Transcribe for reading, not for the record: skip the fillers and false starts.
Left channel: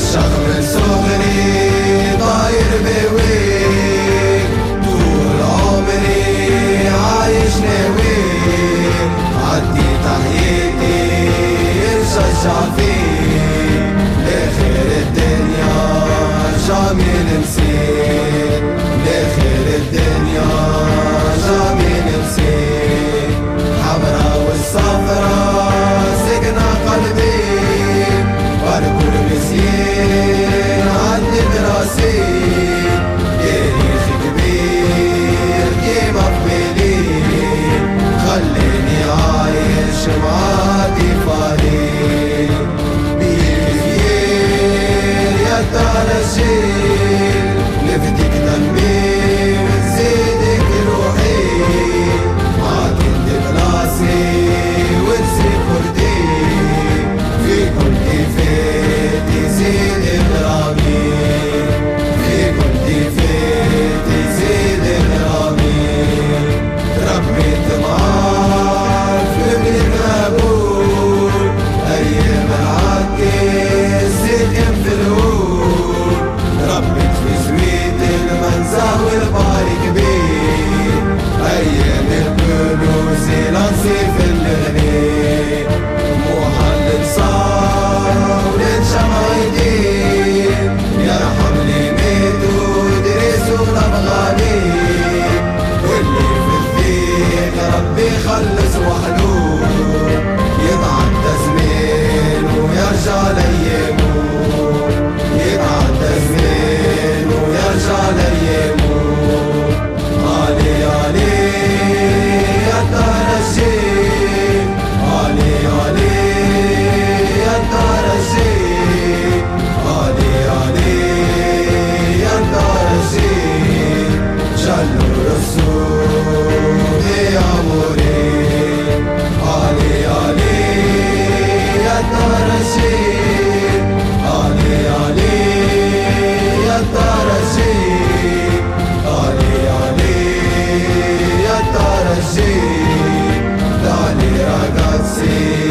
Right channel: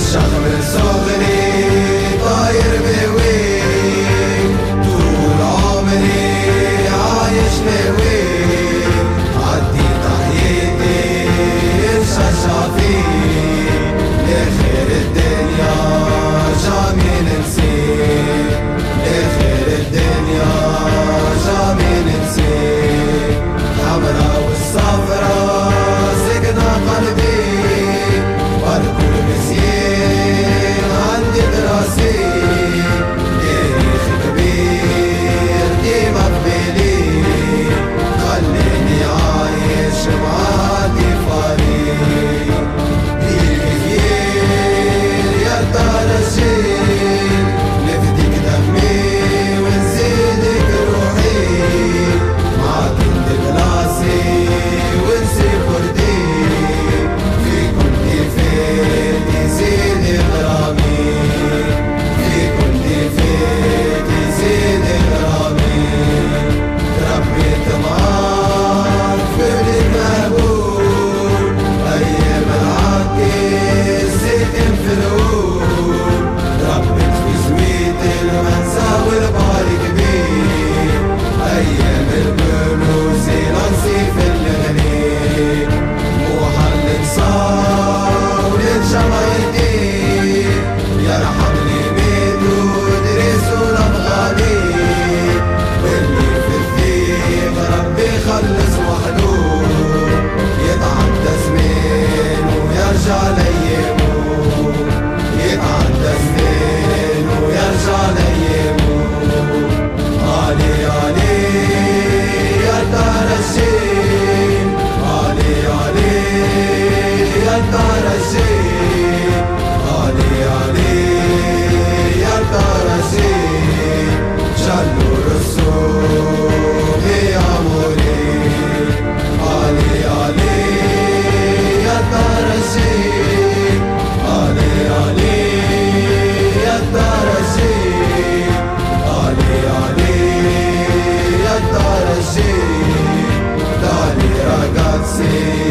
الشيخ من صغري طاير بويك، طول عمري عايش نويك، عدي تحياتي يرشجع فيك، لخير الدنيا جامي نسيت، لخير الدنيا جامي نسيت، حمرا والصفرا سكنة قلبي، باركور مسيين عندي دراسي، تاريخ كبير ديما في بالي، خليني عايش معادي فريق، بيك كثير يا دار الجيل، نفديك دمي ونزيدك روحي، معاك انت بلاسي ونسي فردي، في كل كيفيت يزيد غرامي، في كل كيفيت يزيد غرامي، ربيت معاك في بلد مقبول، ايام العكس سكن في الهول، ربيت في زويت المنزه والباري كبير، ايام الكنوز لنصيف الغني، مو حل نصاب للجمايدي، يرحم لي ميتو دريسو الافغاني، واللي في الثيق ربي خلص وحدود، يتعدى زمين ويرجع ليمو، يتعدى زمين ويرجع ليمو، علي علي يا دار الجيل، علي علي يا دار الجيل، علي علي يا دار الجيل، جلو رسوم يا موري، علي علي يا دار الجيل، علي علي يا دار الجيل، علي علي يا دار الجيل، دالي ragazzi